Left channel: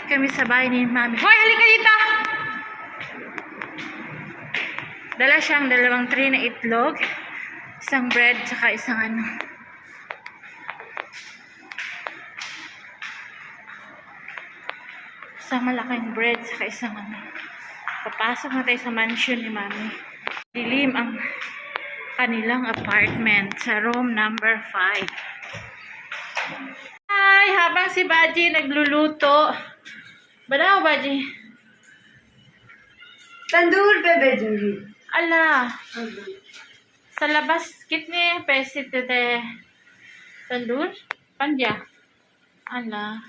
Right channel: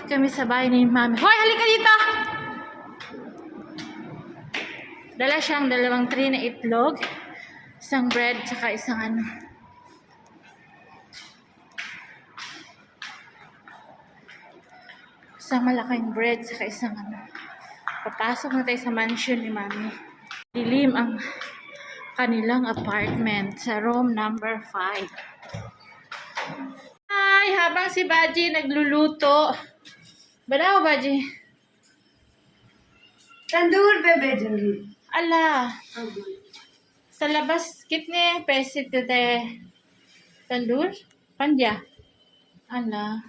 Nandito kami sa bahay ni Mami. Hoy, halika dito! Dala siyang 2 tray na itlog, isang bread, saka isang ano. Isang malaking bread, saka isang ano. Papasok na tayo sa mansion ni Mami. Dilim ang kanilang apartment sa room number 5. Hi! Habang si Baji nagluluto. Banaw, Baji? तंदूर पे भेजूंगी Ala. Sa labas, kitne पैसे देते तंदूर? Panja? Ala.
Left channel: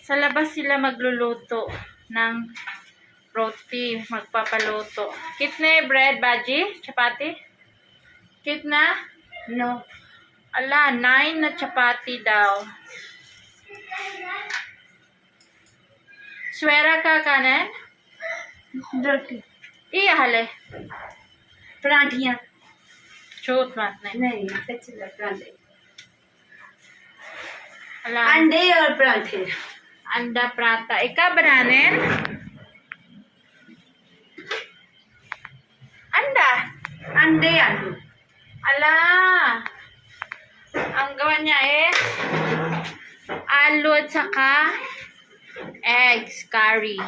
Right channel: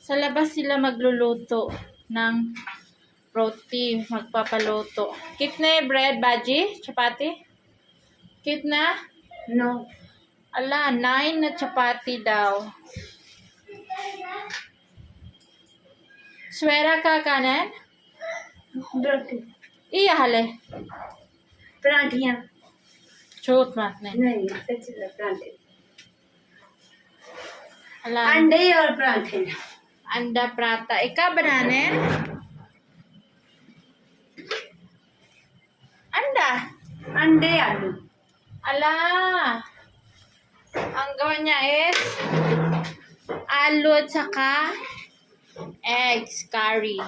Sa labas sila magluluto ng roti, magpapaluto. Kitne bread, Baji? Chapati? Kitna? नो Ala, 9 na chapati daw. Swera ka kanan? रोटी Iya hale. पराठियाँ Chut mat nahi. नहीं सच पराठे Ala, अंडे और पराठे anda prata. Ika bananen? Anda. अंडे आलू Ala. Ang gawa niya is aloo at saka eggs curry.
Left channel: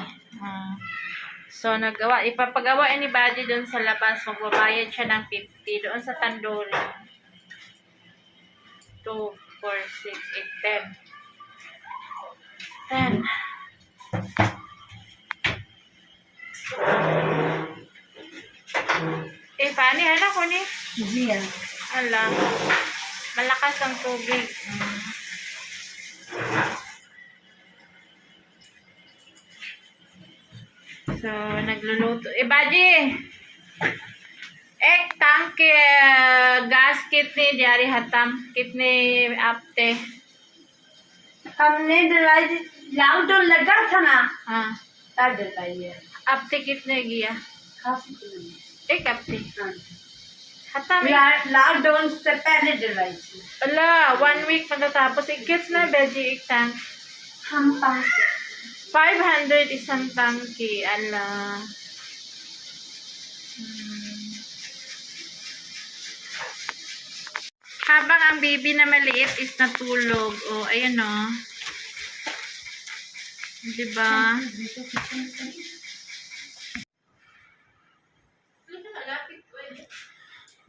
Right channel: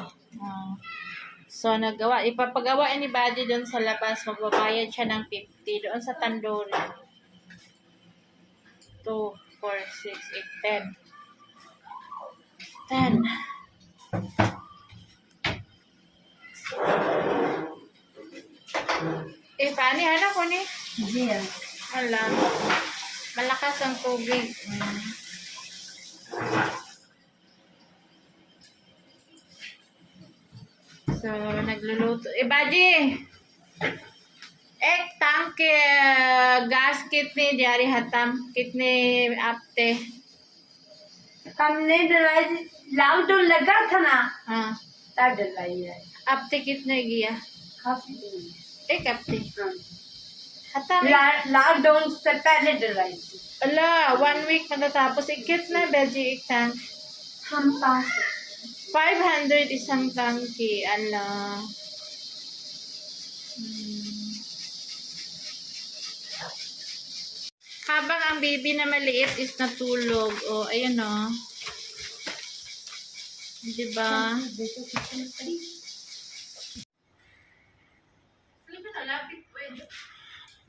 So, ipapagawa ni Buddy doon sa labas. Magbabayad siya ng 50 doon sa tandoori. 2, 4, 6, 8, 10. 10. Pani, anak ko ni? जी हाँ Ala. Malakas ang tubig. So, nagluluto. Baji! Ek tank के गैस कितने जारी हतम कितने आपते हमने डलाई लॉकडाउन लगा था ना हाँ तब डलाई है आपते कितने गया काफी एक हफ्ते हतम लॉकडाउन से पहले डलाई थी ala 1 week matatapos kiतना Baji एक tank हम पास 500 isang tangki ala Habang ang baby na maliit is natulog. Oh, ayun oh. Diba?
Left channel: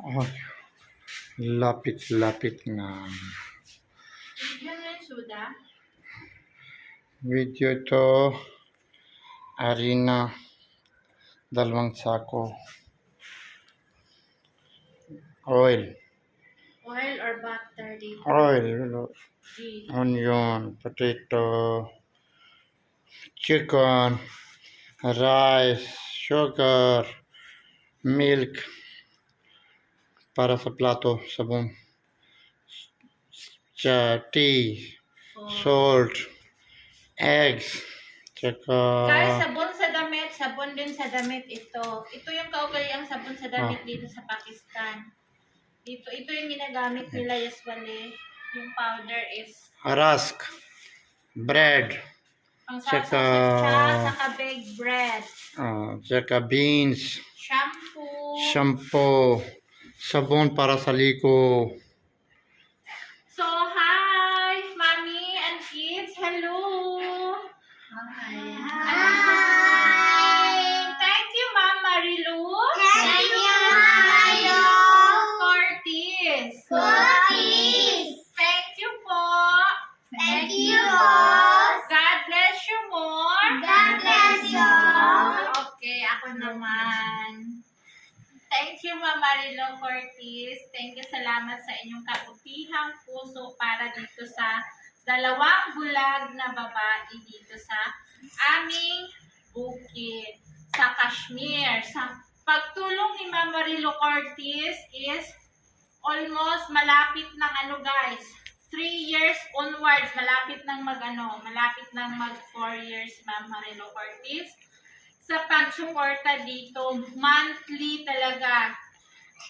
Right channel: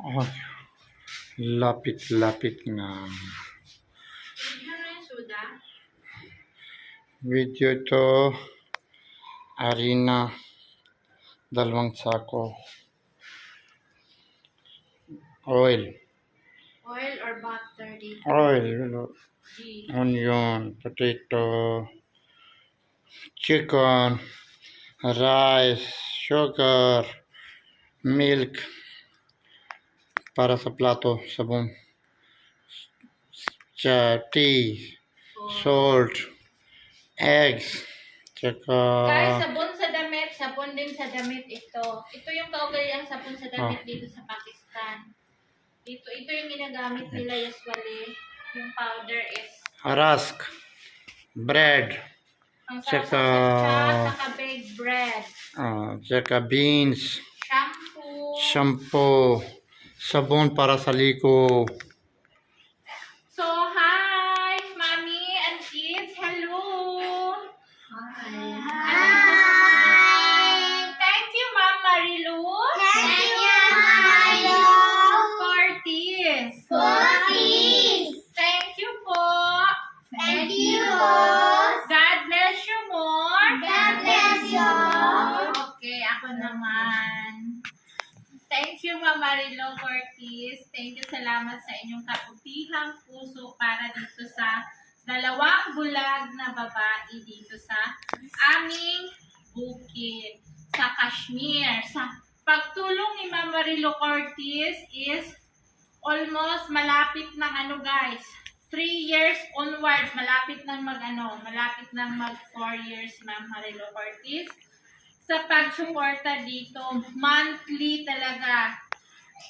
Oh, lapit na. Video ito, harina, 2 sako. Oil, Oil or butter dito? oil, G. onion, potato, chicken, rice, sugar, milk, para sa plato, sabon, tea, salt, eggs, tsaka Guys, sabon sa damit. Sabon din sa damit ito. Ito yung kaugaliang sabon sa damit dito sa Pakistan. Ito yung ginagamit nila usually. Yung powder is rusk, bread, ang Tsaka saka baked bread. tsaka beans, Shampoo. shampoo, sabon para sa liko. So, hi, mommy and kids. Hello. Hi. Thank you, Ma'am Marilu. Thank you, Marilu. Curtis. Thank you po. Thank you po. God bless you more. God bless you. Okay, ako naman. Thank you, Ma'am Marilu Curtis. Thank you, salamat sa inyong kabutihang puso para dito sa 2 bulag na babae dito sa aming bukid sa Kashmir. Sa pagtulong ni Ma'am Marilu Curtis is almost malapit ng guys, 3 years onwards, malapit ng mag 4 years Ma'am Marilu Curtis. Sa pagsuporta dito, monthly talaga,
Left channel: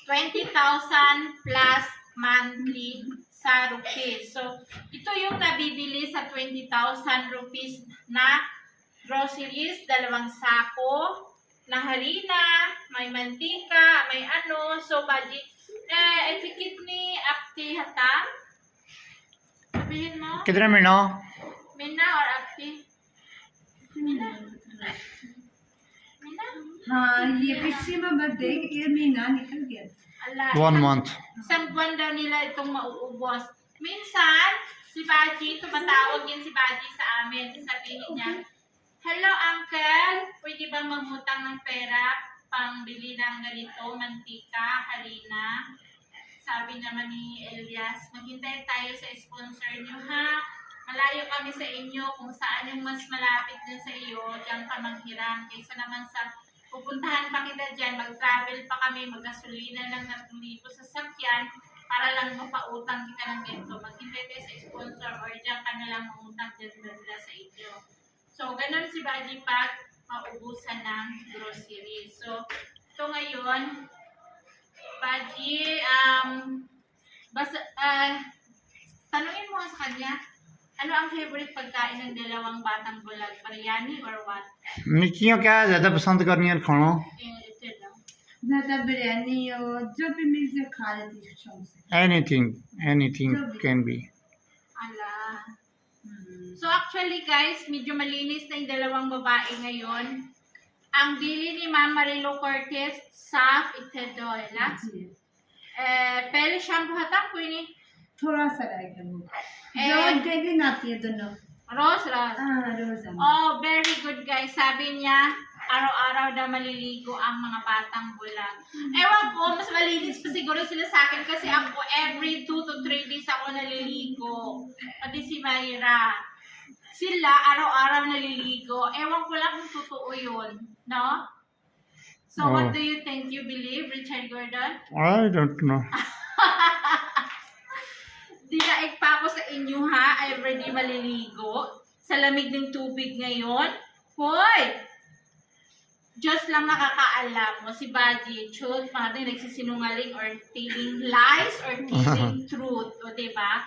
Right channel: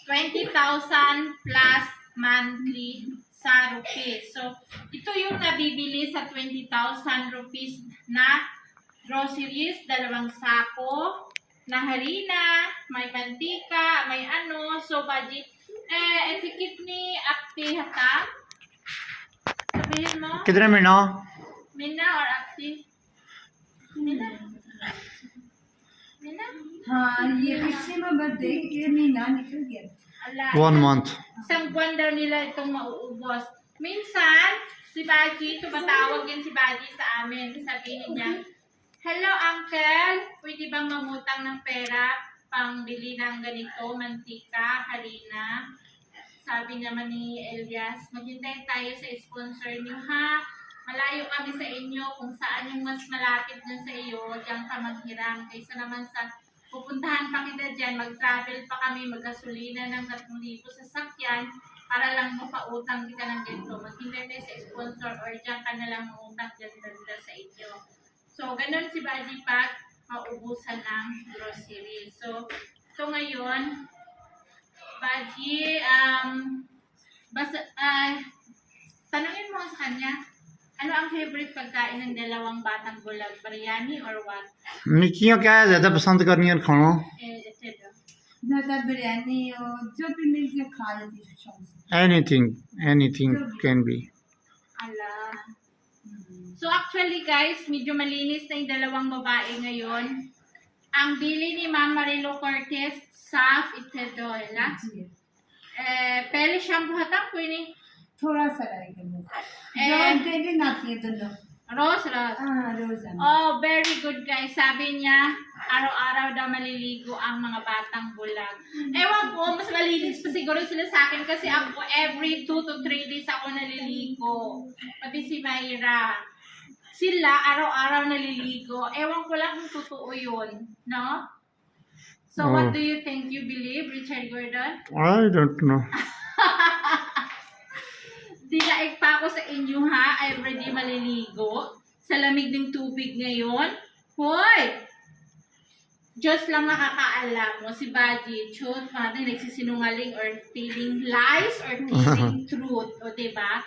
20,000 plus monthly sa rupees. So, ito yung nabibili sa 20,000 rupees na groceries, 2 sako na harina, may mantika, may ano. So, budget. Etikip ni Apti hata. Sabihin mo, कितने में ना Mina or Apti? Mina? Mina? हाँ ये पिछले में बर्थडे ये महीना निकल गया Ala. 1 month Isang buwan daw nila itong mauubos. Minsan, si Baji, tumatawag din si Baji sa amin. Sabihin niya, "Hello, Uncle. Pwede bang mangutang ng pera pang bili ng ganito, mantika, harina?" Sabi naman ni Elias, "Maghintay tayo sa sponsor niyo, ha? Malayo kami sa inyo. Kung saan yung mas malapit dun sa iyo, diyan ka maghiram. Kaysa naman sa pupuntahan pa kita dyan, mag-travel pa kami, maggasolina ng 3,000 sa sakyan para lang mapautang kita ng ganito. Maghintay tayo sa sponsor or dyan ka na lang mautang dyan banda sa inyo." So, ganun si Baji pag maubusan ng grocery. So, ito ngayon, Baji, tanungin mo sa kanya, ano ang favorite pagkain ng 2 batang bulag? Biryani or what? मिक्कियाँ क्या ज़्यादा पसंद करनी है खाना Ito daw. ज्यादा बिरयानी और जो भी मिल जाए खा लेती हूँ शौक से anything can be Ala. So actually guys, medyo malinis na yung 2 babae ngayon. Ang bili ni Ma'am Marilu Cortez, साफ इथे दो है ना जी पहले शैम्पू हता कोई नहीं थोड़ा सा रहेगा वो जो डेली आती है दोनों Rose Rose. हाँ रोजाना Oh, very good guys. Sabi niya, araw-araw daw maliligo ang mga batang bulag. Ewan ko, mas malinis pa siguro sila sa akin kasi ako every 2 to 3 days ako naliligo. Pati si Mayra. Sila araw-araw naliligo. Ewan ko lang kung totoo yun. No? So, Oh. what do you think? You believe, Richard Gordon? I don't know Dinaig pa ako sa inyo ha, everyday maliligo. Sa lamig ng tubig ngayon. Hoy! Diyos lang nakakaalam mo. Si Baji, Chut, mga din nagsisinungaling or telling lies or telling truth. O diba?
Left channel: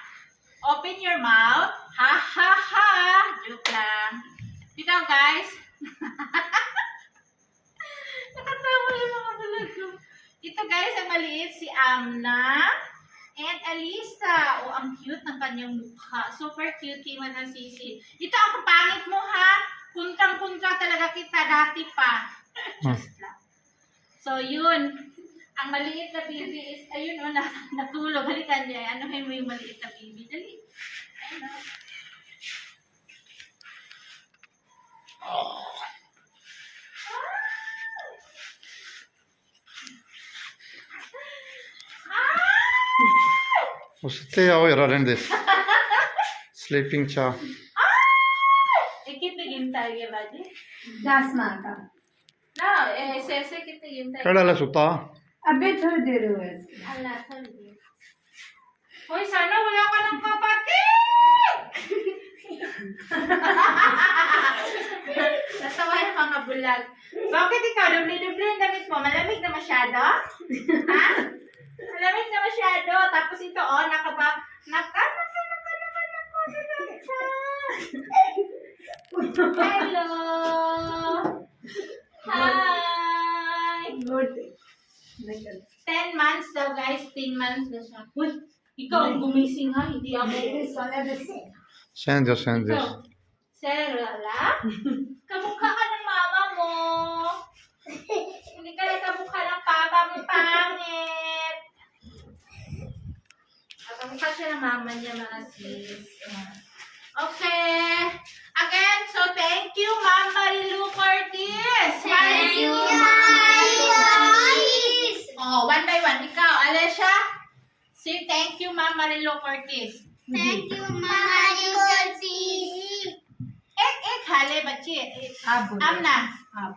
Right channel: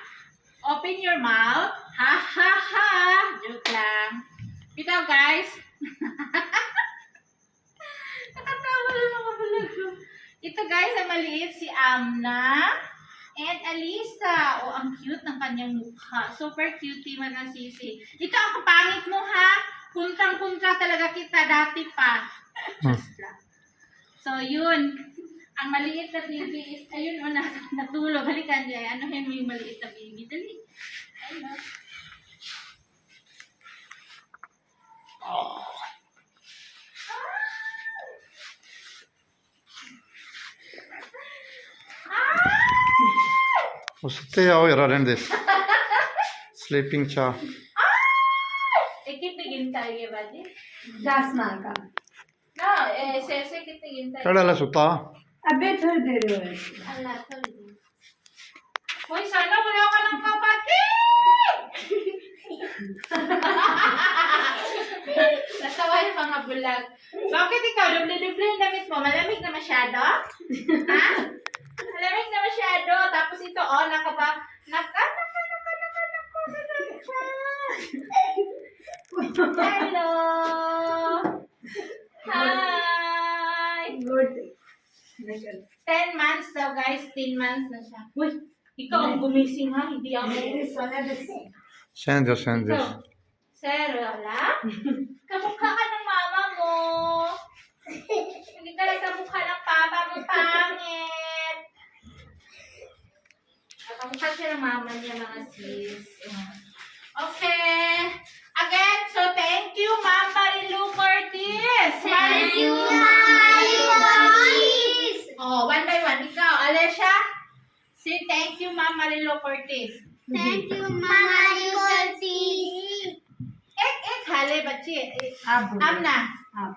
Open your mouth. Ha ha ha! Joke lang. Bitaw guys. Nakatawa yung mga vlog ko. Ito guys, ang maliit si Amna. And Alisa, oh, ang cute ng kanyang mukha. Super cutie, mga sisi. Ito ang kapangit mo, ha? Puntrang-puntra talaga kita dati pa. Just lang. So, yun. Ang maliit na baby is, ayun, oh, natulog. Halikan niya. Ano mo yung maliit na baby? Dali. Ayun, oh. उसते आओ यार रहने दे स्लीपिंग चा कितने गिनता है ये बाजी? 10 माह का No, ऐसे कितने गिनता है? केड़ा ला सुता अबे थोड़ी देर हुए Allah, sorry. Hoy, sana wala ka ng kapatid! Natawa yung mga bulag. Bakit ikaw, doble-doble yung damit mo? Malamig na masyado? Ha? Malamig na masyado. Tapos ito, oh, naka. Hello! Hi! Good 10 months daw guys, 10 months na siya. Uy, ikaw ang gumising ha, hindi ako. सहन दो Ikaw, Sir, wala? Kamukha ka ng mama mo. Hindi ka lang kamukha ng papa mo, pangit. Kamukha siya ng mama niya, mga sis. Okay. Again, so thank you, Ma'am Marilu Cortez. Thank you, guys. Oh, one by one. Ikaw, Alessia. Say thank you, Ma'am Marilu Cortez. Thank you, Mama Yukalsis. एक हाले बच्चे आप बोलो Amna. आप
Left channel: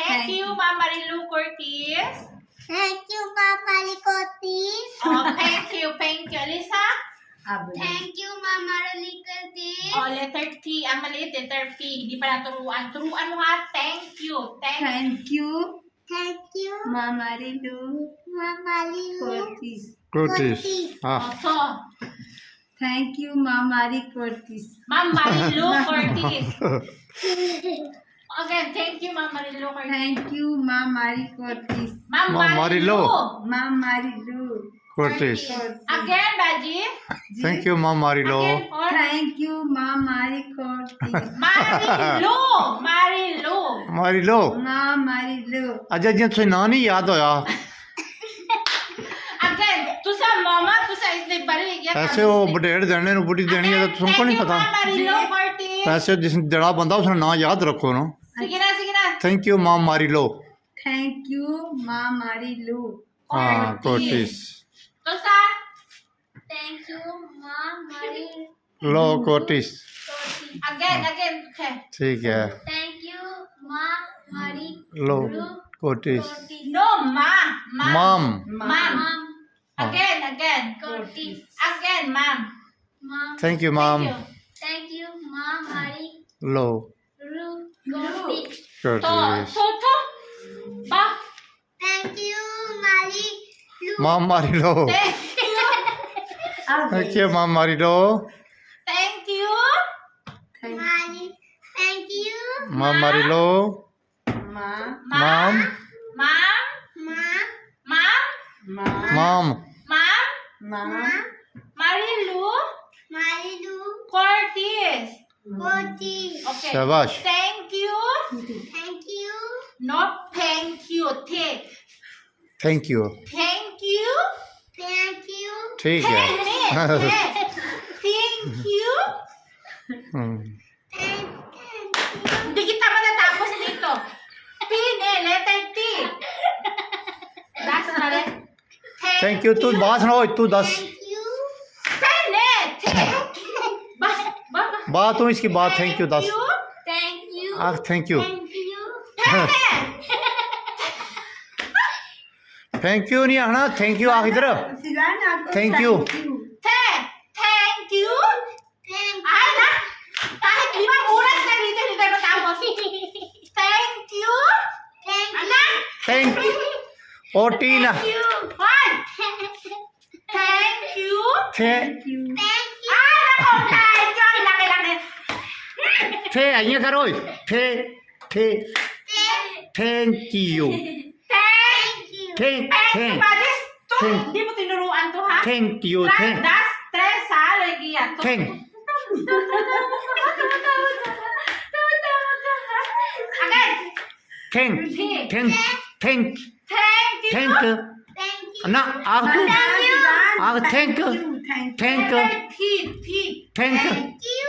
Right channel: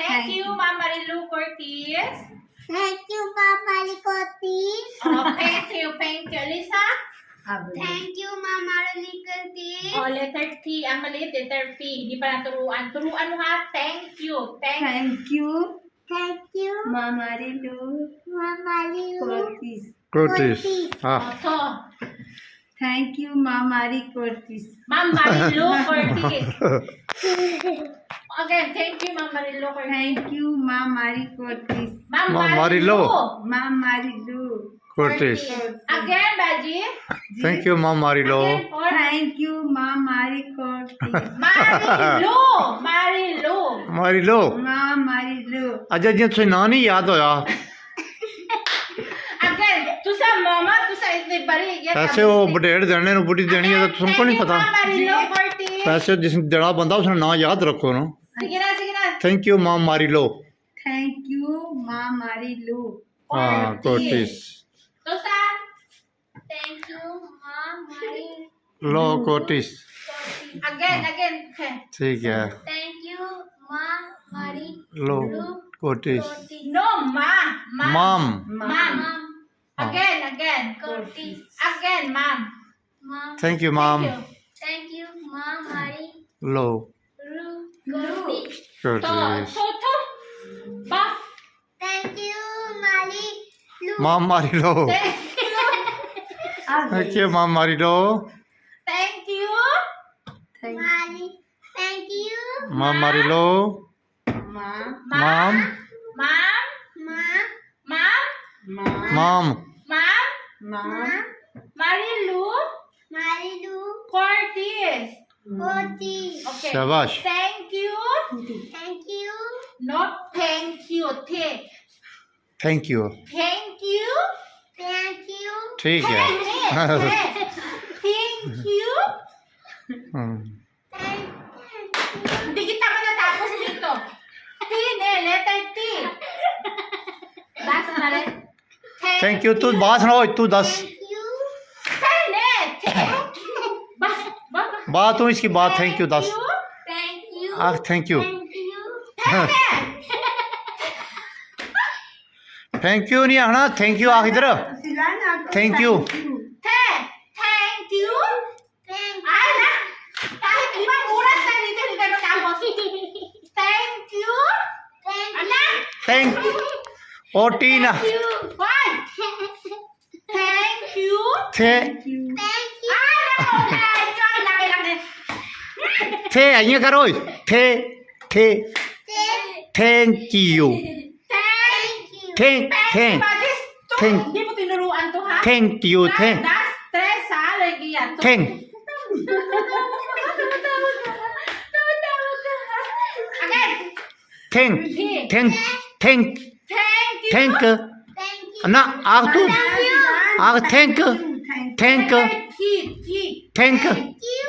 Thank you, Ma'am Marilu Cortez. Thank you, Papa Likotis. Oh, thank you, Lisa. आप बोलो Thank you, Mama Likotis. Oh, letter T. Ang maliit, letter P. Hindi pa naturuan. Turuan mo ha. Thank you. Thank you Thank you, मामा रिलू Mama Lilu. Cortés Curtis. Ah. Oto. Thank you, Ma'am Marie Curtis. Ma'am Marilu Curtis. Again, thank you, Ma'am Marilu Curtis. Thank you, Ma'am Marie Curtis. Ma'am Ma'am Marilu. Ma'am Marie Lou. Curtis. Again, Baji. Thank you, Mom Marilo. Again, or Thank you, Ma'am Marie Curtis. Marilu. Marilu. Marilo. Ma'am Marie Lou. Ajay ji तुझे ना नहीं याद होया Again, तुसा मामा तुसा इसने बड़ी ये पैसे वो बडेड़ देने नु बुढ़ी देनी है तो तुमको नहीं पता Marilu Curtis. पैसे जिस जड़ा बंदा उसने ना याद रखो ना Sige na. Thank you mom मारिलो Thank you, Ma'am Marie Lou. हाँ Cortés Tusa. Thank you, Ma'am Marie. Low Cortés Again, okay. ठीक है Thank you, Ma'am Marie. Low Cortés Curtis. No, mom. Mom Mom. Again. Curtis. Again, mom. Ma'am. Thank you mom Thank you, Ma'am Marie. Low Ru. Curtis. Cortés To. Ba. Thank you, Marie. Lu. Mom मारिलो Thank you. Thank you mom मारिलो Thank you. Marie. Thank you, mom मारिलो Ma'am. Mom Mom. Ma'am. Mom. Ma'am. Mom Mom. Ma'am. Marilu Marie Lu. Curtis. Curtis. Okay. शाबाश Thank you. Thank you. Not thank you. Thank you Thank you. Thank you. ठीक है Thank you. Hmm, Thank you. Hindi kita matatapos dito. T, letter T. Das na rin. Thank you तू बात सुनाओ तू दस Thank you. Bas, bas. बात तू इसकी बात थैंक यू दस Thank you. Ah thank you Thank you. Thank you नहीं आना थैंक यू आख इधर Silana, Thank you. Thank you. Thank Ay, na. Kahit 5 oras na dito, hindi tayo matapos. Thank you. Thank Ana. Thank ओ Tina you. One. Thank you. थे Thank you. Thank you. Ah, no. Thank you. Laki. थे आइए करो थे थे thank you Thank you. Thank thank Badis, to. Thank- Hindi mo tinuruan to, ha? थैंk you thank Das, tres, ha? Lagi yan. To. Thank Again. Thank thank thank Thank you. Thank Thank you. ना आग तू आग thank Thank thank T. Thank Thank you.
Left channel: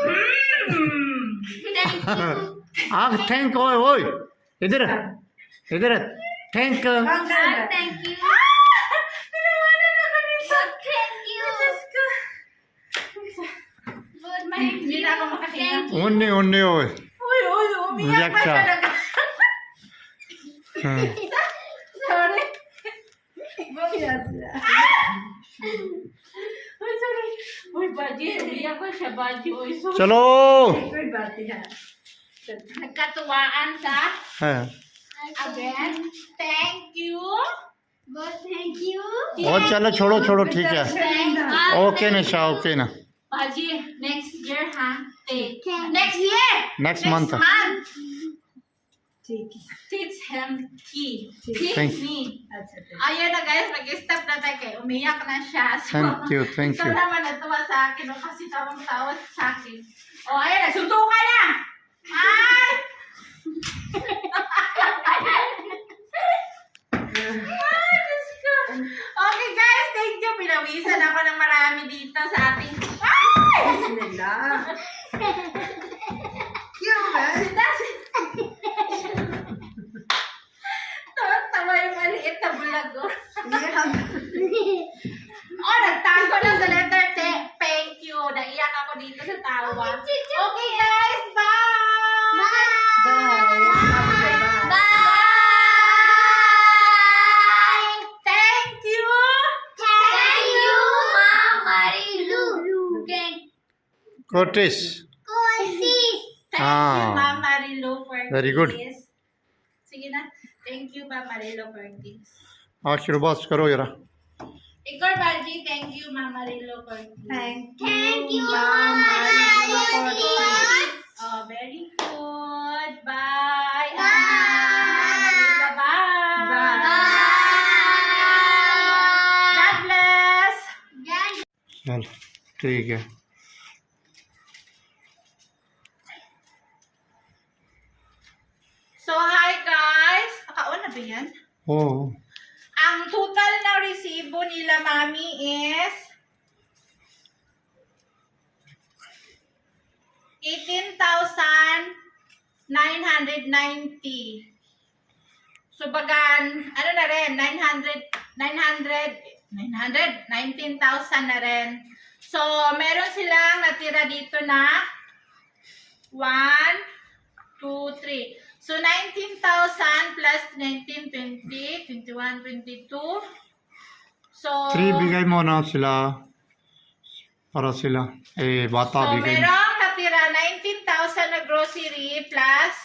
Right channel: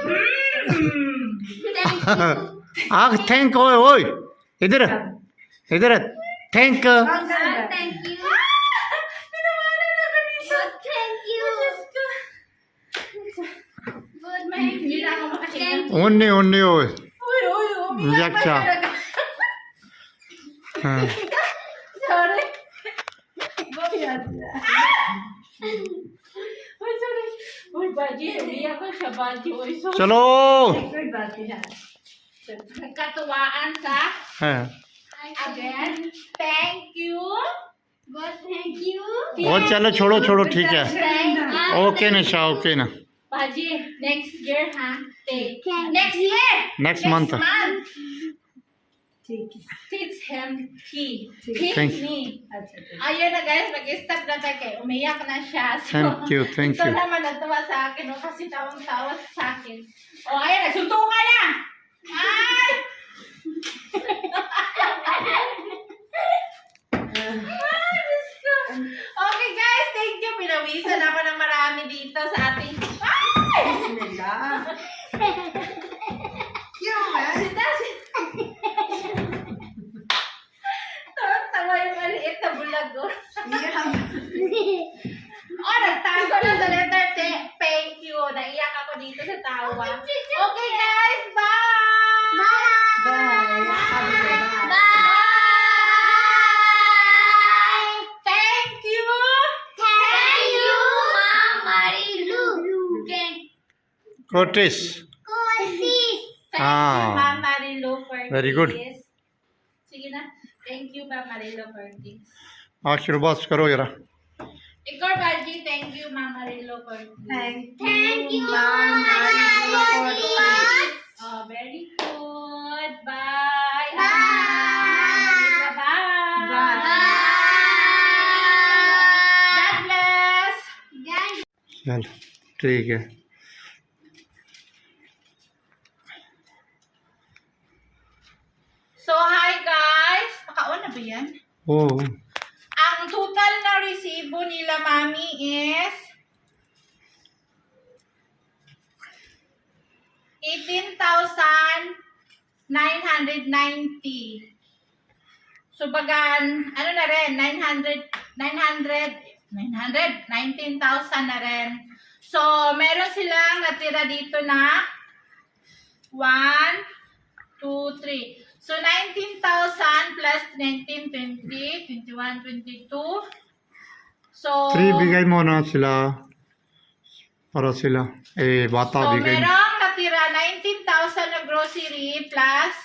Thank you. आग थैंक ओए ओए इधर इधर thank you. Thank you. Thank you. Hindi na ako makasiya. ओने ओने ओए Uy, umiyak pa Umiyak ka. talaga. हाँ, Sorry. Uy, sorry. Uy, Baji, umiyak ko siya, Baji. Uy, sorry. चलो कोई बात नहीं है. Nagkatuwaan sa, हाँ, again, thank you. But thank you. और चलो छोड़ो छोड़ो ठीक है Thank you. ओके निशा ओके ना Baji, next year, ha? Take. Thank Next year. Next month. ठीक है. Teach him he. Thank Teach you. me. अच्छा अच्छा. Ayun na guys, nag-stop na tayo kay umiyak na siya. So, Thank you. Ito naman natuwa sa akin, o kasi tawang-tawa sa akin. O, ayun, nagsuntukan na! Ay! Ay, Diyos ko. Okay guys, thank you. Pinawisan ako ng marami dito sa ating... Ay! Bismillah. क्यों है? Tawa yung maliit na bulag ko. ये हम Oh, nagtago na sa letter T. Thank you. Naiyak ako dito sa tawa. Okay guys, bye! Bye. Bye. Bye. Thank you! Thank you, Ma'am Marie Lu. Cortés Curtis. Thank Ah. you, Ma'am Marilo Curtis. Very good. Sige na. Thank you, Ma'am Marilo Curtis. आशीर्वाद करो जरा Ikaw, Baji. Mama Rilo Cortez. Thank Thank you, you, Ma'am Marilo Marilo. Cortez. Oh, very good. Bye. Bye. Bye. Bye. God bless. चलो ठीक है So, hi guys. Nakaon na ba yan? O Ang total na resibo nila, Mami, is 18,990. So, bagan, ano na rin, 19,000 na rin. So, meron silang natira dito na 1, 2, 3. So, 19,000 plus 19, 20, 21, 22. So, 3 bigay mo na sila para sila bata so bigay merong natira 19,000 na grocery plus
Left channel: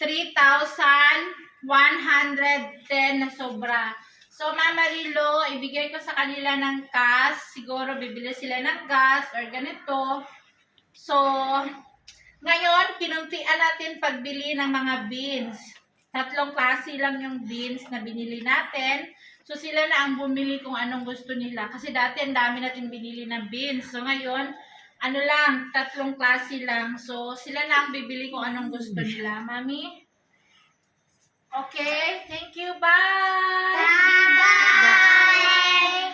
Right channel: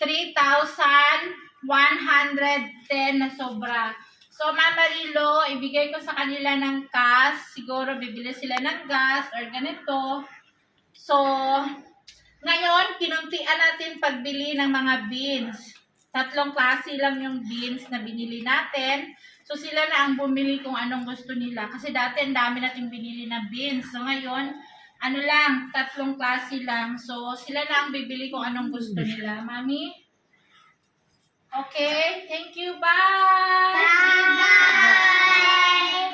3,110 na sobra. So, Mama Rilo, ibigay ko sa kanila ng cash. Siguro bibili sila ng gas or ganito. So, ngayon, kinuntian natin pagbili ng mga beans. 3 klase lang yung beans na binili natin. So, sila na ang bumili kung anong gusto nila. Kasi dati, ang dami natin binili na beans. So, ngayon, ano lang, 3 klase lang. So, sila na ang bibili kung anong gusto nila. Mami? Okay, thank you. Bye! Bye.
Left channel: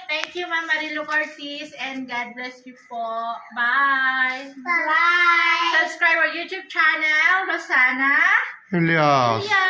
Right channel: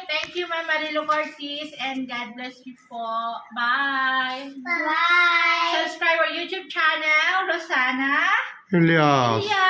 Thank you, Mama Rilo Cortez, and God bless you po. Bye! Bye. Subscribe our YouTube channel, Rosana. Elias Yeah.